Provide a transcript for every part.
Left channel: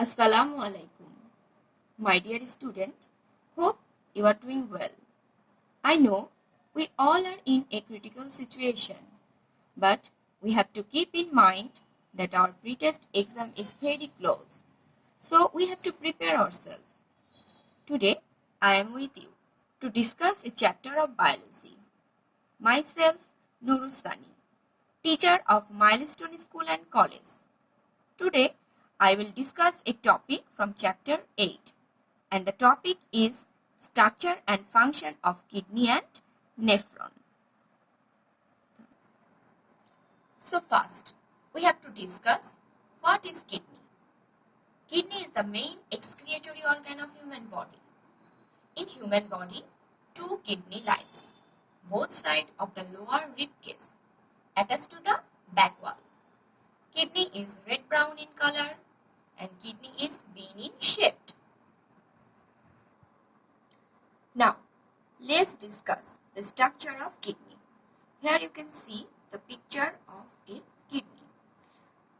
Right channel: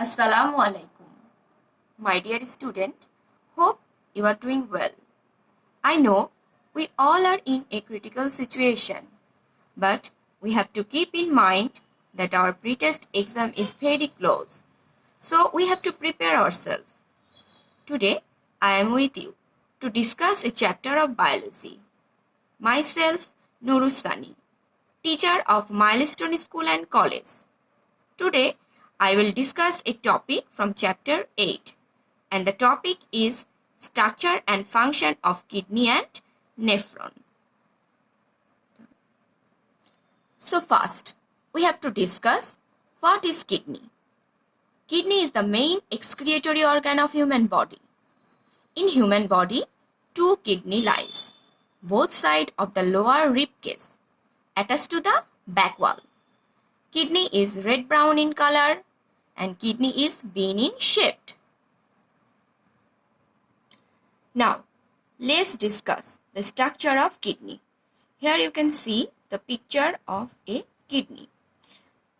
Assalamu alaikum. My dear student, hope you are doing well. I know we all are in a critical situation, but we have to keep in mind that our pre-test exam is very close. So we have to prepare ourselves. Today, I am with you to discuss a chapter of biology. Myself, Nurustani, teacher of Milestone School and College. Today, I will discuss a topic from chapter 8 and the topic is structure and function of kidney and nephron. So first, we have to discuss what is kidney. Kidney is the main excretory organ of human body. In human body, two kidney lies, both sides of the lower rib cage, attached to the back wall. Kidney is red-brown in color and kidney is bean in shaped. Now, let's discuss the structure of kidney. Here you can see the picture of a kidney.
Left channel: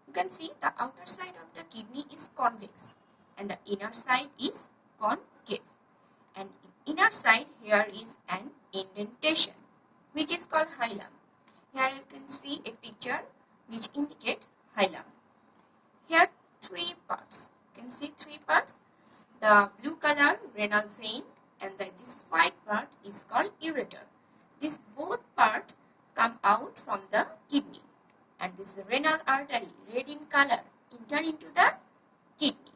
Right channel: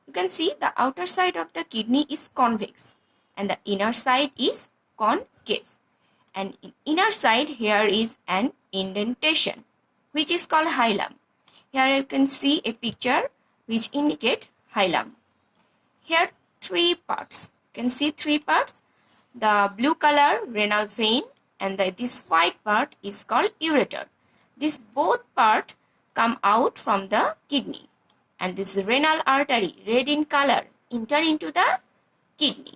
You can see the outer side of the kidney is convex and the inner side is concave. And in inner side here is an indentation which is called hilum. Here you can see a picture which indicate hilum. Here three parts. You can see three parts. The blue color renal vein and this white part is called ureter. This both part come out from the kidney and this renal artery red in color enter into the kidney.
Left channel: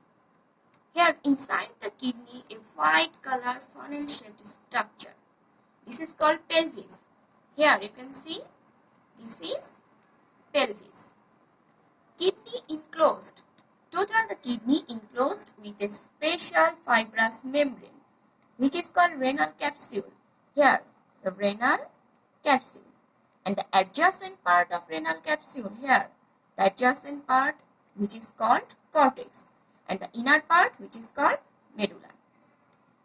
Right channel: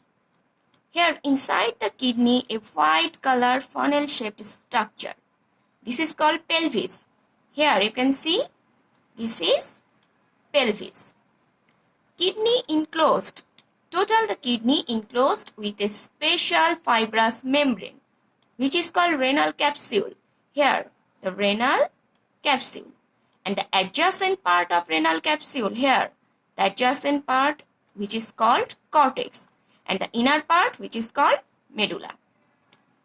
Here inside the kidney a white color funnel shaped structure. This is called pelvis. Here you can see this is pelvis. Kidney enclosed. Total the kidney enclosed with a special fibrous membrane which is called renal capsule. Here the renal capsule and the adjacent part of renal capsule here the adjacent part which is called cortex and the inner part which is called medulla.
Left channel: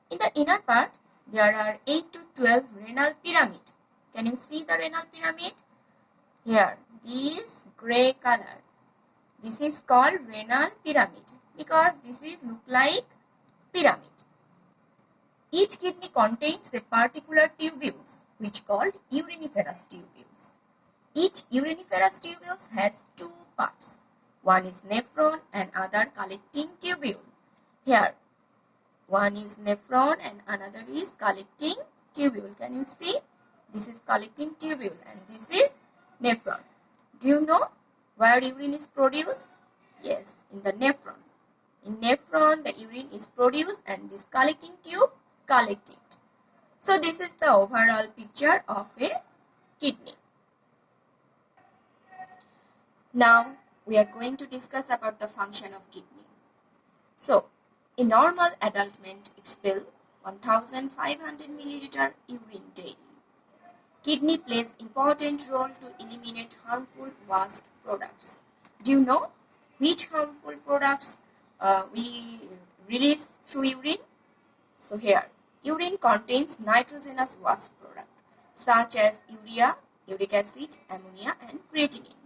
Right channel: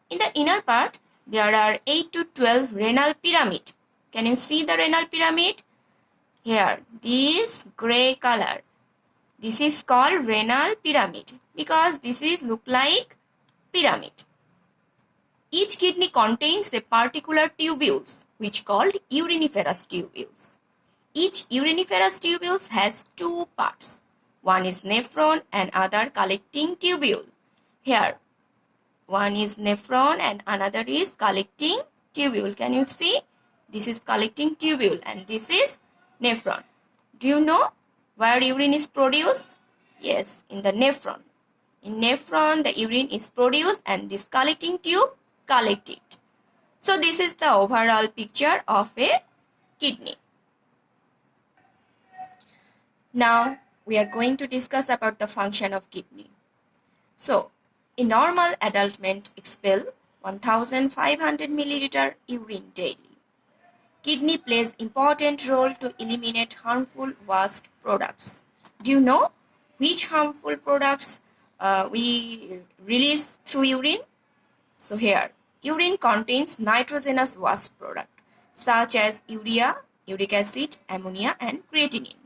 In the inner part there are 8 to 12 renal pyramid. Can you see the renal pyramid? Here this gray color. This is called renal pyramid because this is look like pyramid. Each kidney contains a particular tubules which called uriniferous tubules. Each uriniferous tubules has two parts. One is nephron and other collecting tubule. Here one is nephron and another is collecting tubule. Can you see? This is collecting tubule and this is nephron. Do you know where urine is produced? Yes, in the nephron. In nephron the urine is produced and this collecting tube collect it. So this is the overall picture of a kidney. Now we are going to discuss about the function of kidney. So a normal adult man expel 1500 milliliter urine daily. Kidney plays important role to eliminate harmful waste products. Do you know which harmful products we release through urine? So here, urine contains nitrogenous waste product such as urea, uric acid, ammonia and creatinine.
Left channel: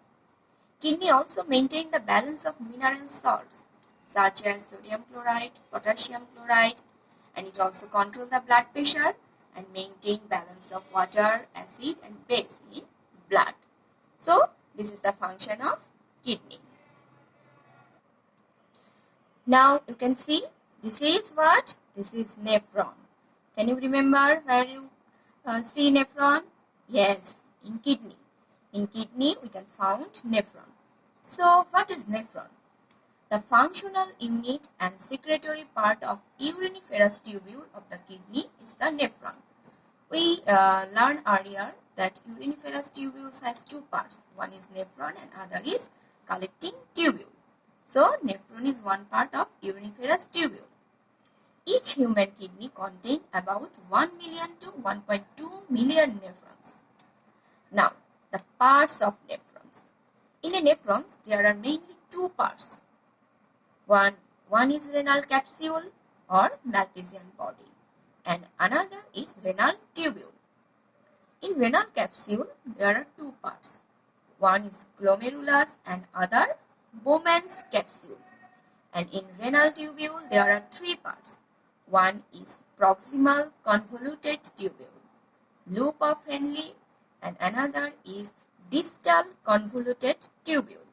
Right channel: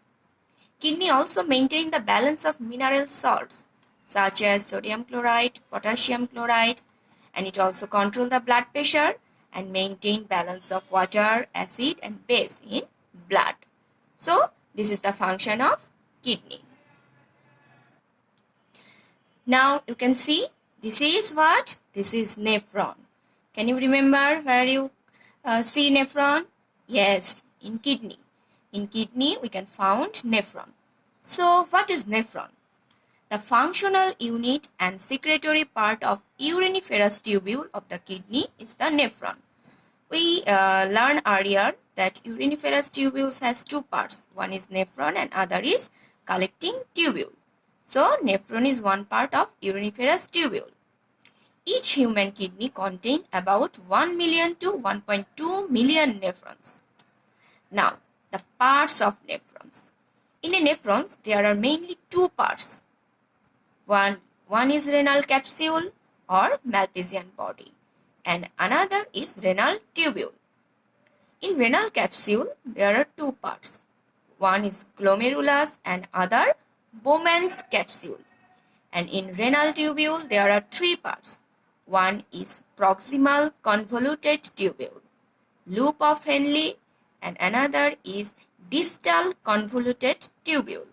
Kidney also maintain the balance of mineral salts such as sodium chloride, potassium chloride, and it also control the blood pressure and maintain balance of water, acid and base in blood. So this is the function of kidney. Now you can see this is what? This is nephron. Can you remember where you see nephron? Yes, in kidney. In kidney we can find nephron. So what is nephron? The functional unit and secretory part of uriniferous tubule of the kidney is the nephron. We learned earlier that uriniferous tubules has two parts. One is nephron and other is collecting tubule. So nephron is one part of uriniferous tubule. Each human kidney contains about 1 million to 1.2 million nephrons. Now, the parts of nephrons. In a nephrons, there are mainly two parts. One is renal capsule or Malpighian body and another is renal tubule. In renal capsule, there are two parts. One is glomerulus and other Bowman's capsule. And in renal tubule, there are three parts. One is proximal convoluted tubule, loop of Henle, and another is distal convoluted tubule.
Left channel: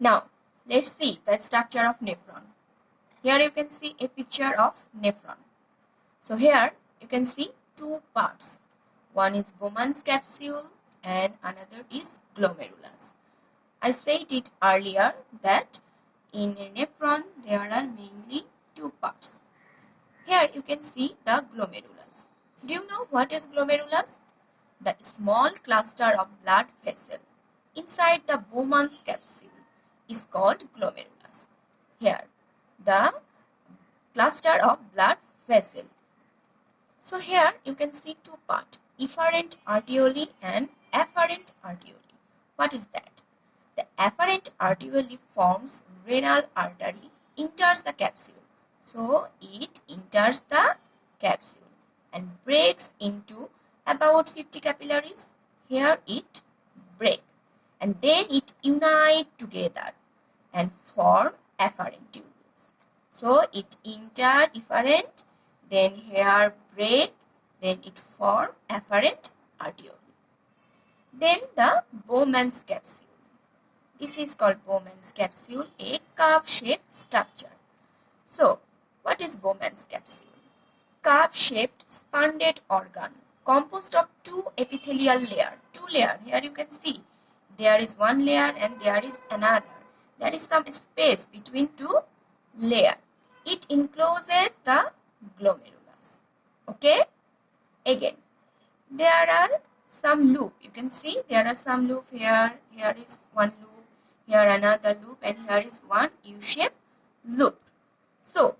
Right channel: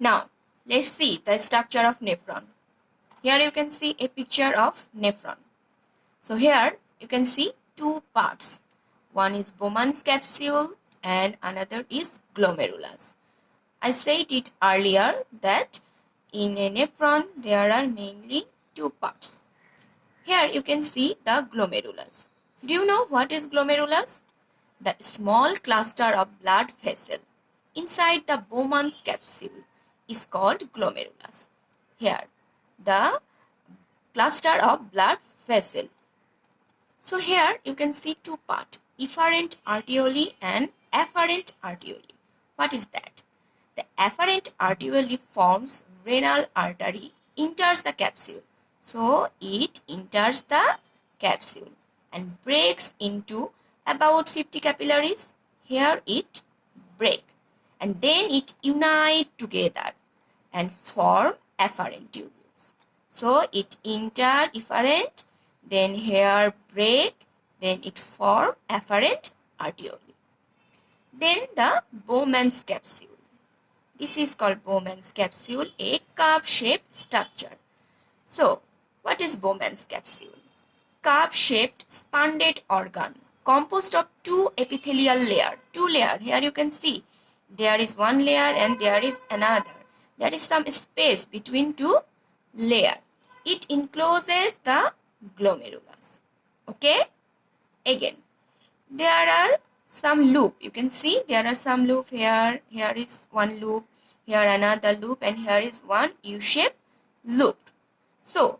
Now, let's see the structure of nephron. Here you can see a picture of nephron. So here you can see two parts. One is Bowman's capsule and another is glomerulus. I said it earlier that in a nephron there are mainly two parts. Here you can see the glomerulus. Do you know what is glomerulus? The small cluster of blood vessel inside the Bowman's capsule is called glomerulus. Here, the cluster of blood vessel. So here you can see two parts, efferent arteriole and afferent arteriole. What is that? The afferent arteriole forms renal artery, enters the capsule. So it enters the capsule and breaks into about 50 capillaries. Here it break and then it unite together and form afferent tubules. So it enter efferent, then here break, then it form afferent arteriole. Then the Bowman's capsule. This is called Bowman's capsule, a cup-shaped structure. So, what is Bowman's capsule? Cup-shaped spondate organ composed of two epithelial layers. Two layers. Here you can see there is one layer and there is another. There is some space between two layers. It encloses the glomerulus. Okay? Again, there are some loop. You can see there are some loop here. Here is one loop. Here another loop. And here is one U-shaped loop. So,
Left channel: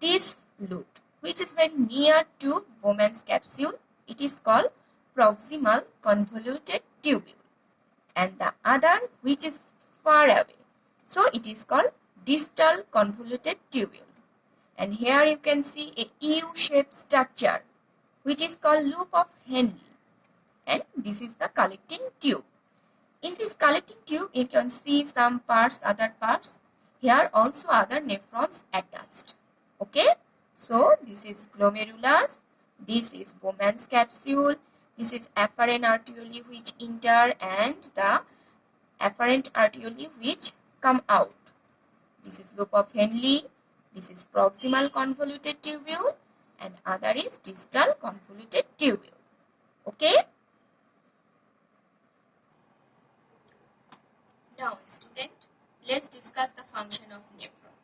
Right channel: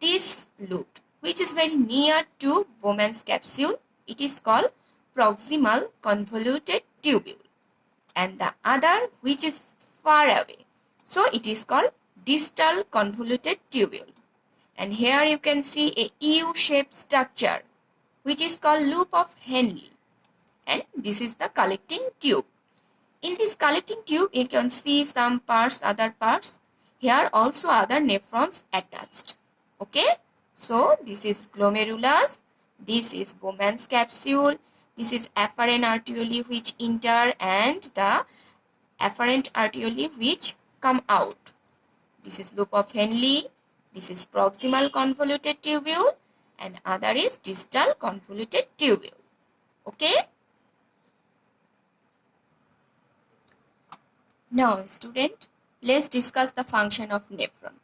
this loop, which is very near to Bowman's capsule, it is called proximal convoluted tubule. And the other, which is far away, so it is called distal convoluted tubule. And here you can see a U-shaped structure, which is called loop of Henle. And this is the collecting tube. In this collecting tube, you can see some parts, other parts. Here also other nephrons attached. Okay. So this is glomerulus. This is Bowman's capsule. This is afferent arteriole which enter and the afferent arteriole which come out. This is loop of Henle. This is proximal convoluted tubule and other is distal convoluted tubule. Okay. Now student, let's discuss the function of nephron.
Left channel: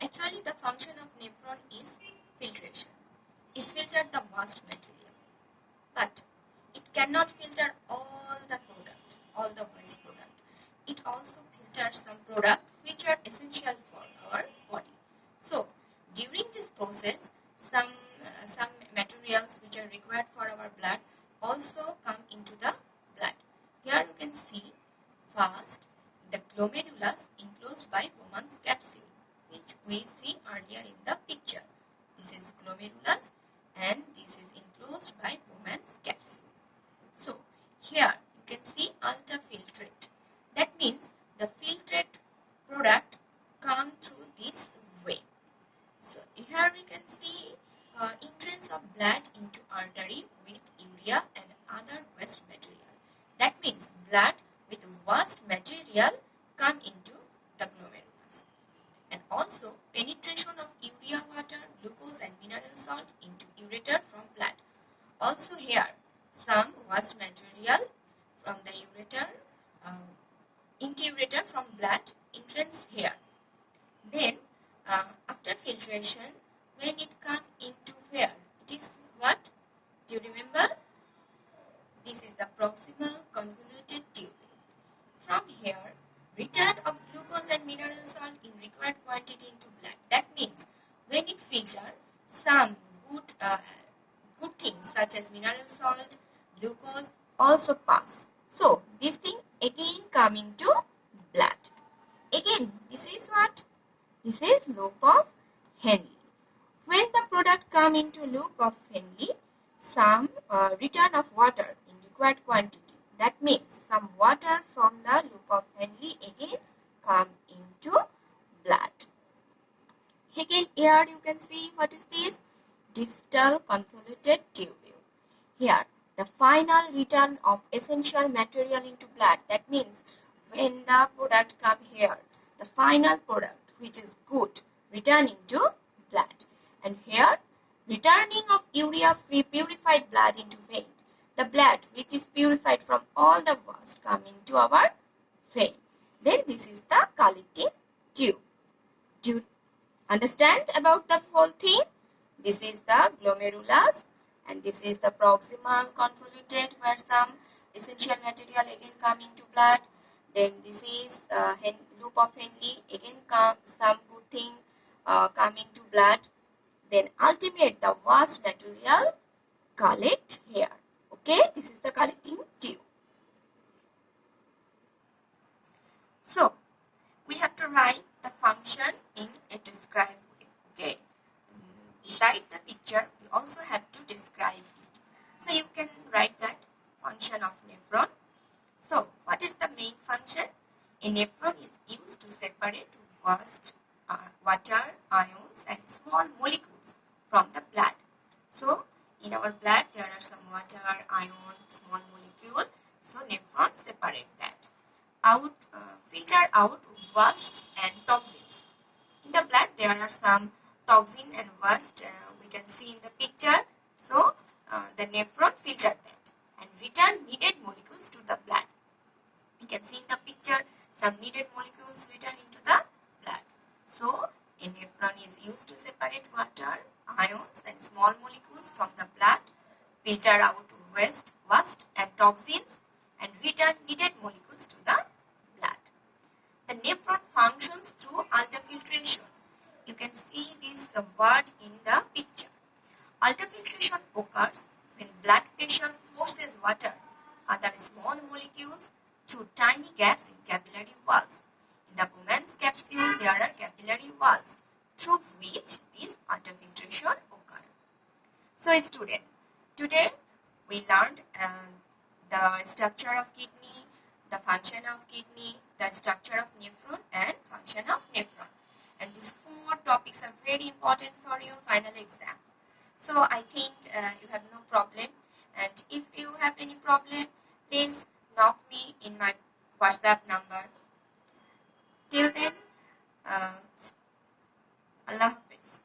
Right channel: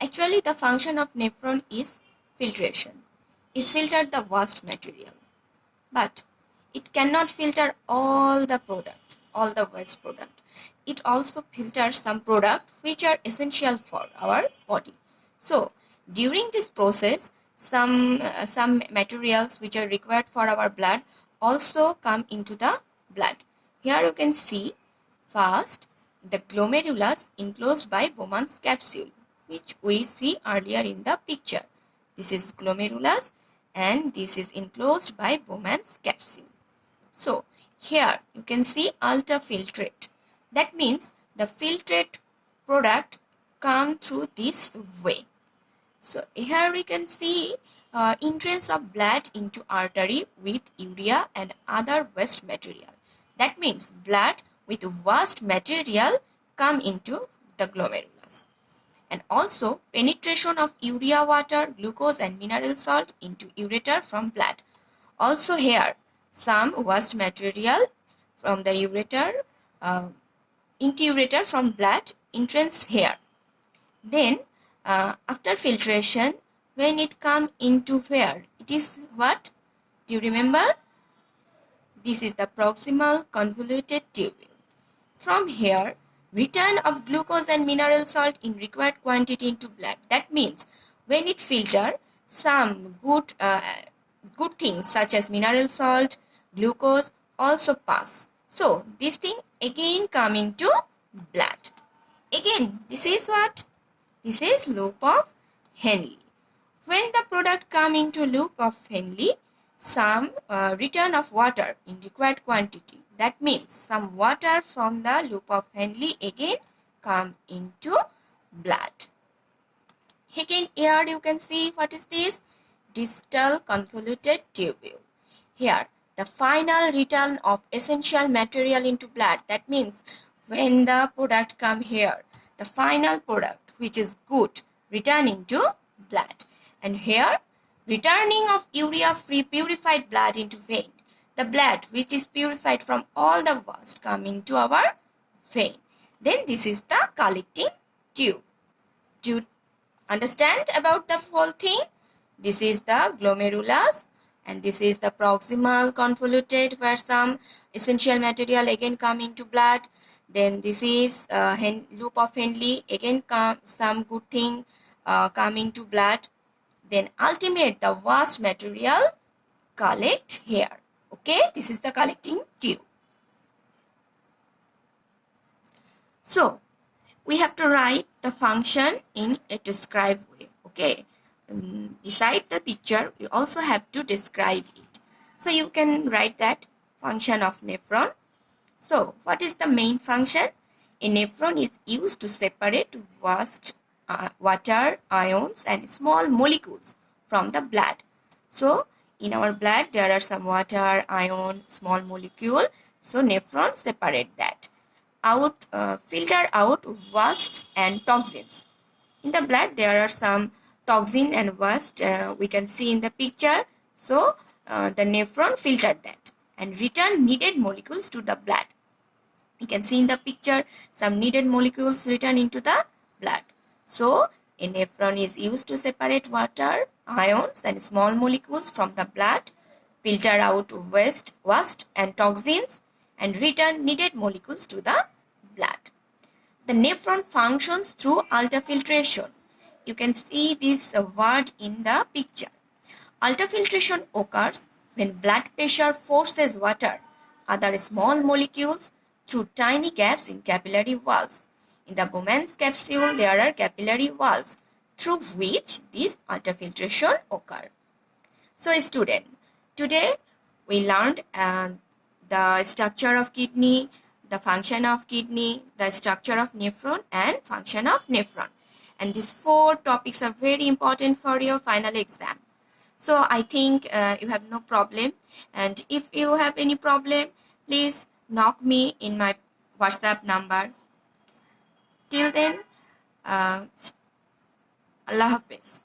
Actually the function of nephron is filtration. It filters the waste material. But it cannot filter all the product, all the waste product. It also filters some product which are essential for our body. So during this process, some materials which are required for our blood also come into the blood. Here you can see first the glomerulus enclosed by Bowman's capsule, which we see earlier in the picture. This is glomerulus and this is enclosed by Bowman's capsule. So here you can see ultrafiltrate. That means the filtrate product come through this way. So here we can see entrance of blood into artery with urea and other waste material. That means blood with waste material come into the glomerulus. And also penetration of urea, water, glucose and mineral salt into ureter from blood. Also here some waste material from the ureter into ureter from blood entrance here. Then after filtration, when it come into where? It is what? Do you remember? This is the proximal convoluted tubule. From here, return of glucose and mineral salt in required quantity into blood. That means when it filter, some good things such as mineral salt, glucose also pass. So this thing again come into blood. Again, this is what? This is loop of Henle. When the product come into loop of Henle, some return of water in required quantity. That means some water from the loop of Henle again come into blood. Again, here you can see what is this? Distal convoluted tubule. Here, the final return of essential material into blood. That means when the product come here, the final product which is good return into blood. And here, returning of urea-free purified blood into vein. The blood which is purified from all the waste coming to our vein. Then this is the collecting tube. Do you understand about the whole thing? This is the glomerulus and this is the proximal convoluted where some essential material again come into blood. Then this is loop of Henle, again some good thing come into blood. Then ultimate the waste material collect here. Okay, this is the collecting tube. So we have to write the function in a described way. Okay, beside the picture we also have to describe it. So you can write that function of nephron. So what is the main function? A nephron is used to separate waste water, ions and small molecules from the blood. So in our blood there are some water, ion, small molecule. So nephron separate that. Filter out waste and toxins. In the blood there are some toxin and waste we can see in the picture. So the nephron filtered that and return needed molecules to the blood. You can see in the picture some needed molecules return into the blood. So a nephron is used to separate water, ions and small molecules from the blood, filter out waste and toxins and return needed molecules to the blood. The nephron functions through ultrafiltration. You can see this word in the picture. Ultrafiltration occurs when blood pressure forces water, other small molecules through tiny gaps in capillary walls. In the Bowman's capsule, there are capillary walls through which this ultrafiltration occurs. So, student, today we learned the structure of kidney, the function of kidney, the structure of nephron and function of nephron. And these 4 topics are very important for your final exam. So I think you have no problem. And if you have any problem, please knock me in my WhatsApp number. Till then, Allah Hafiz.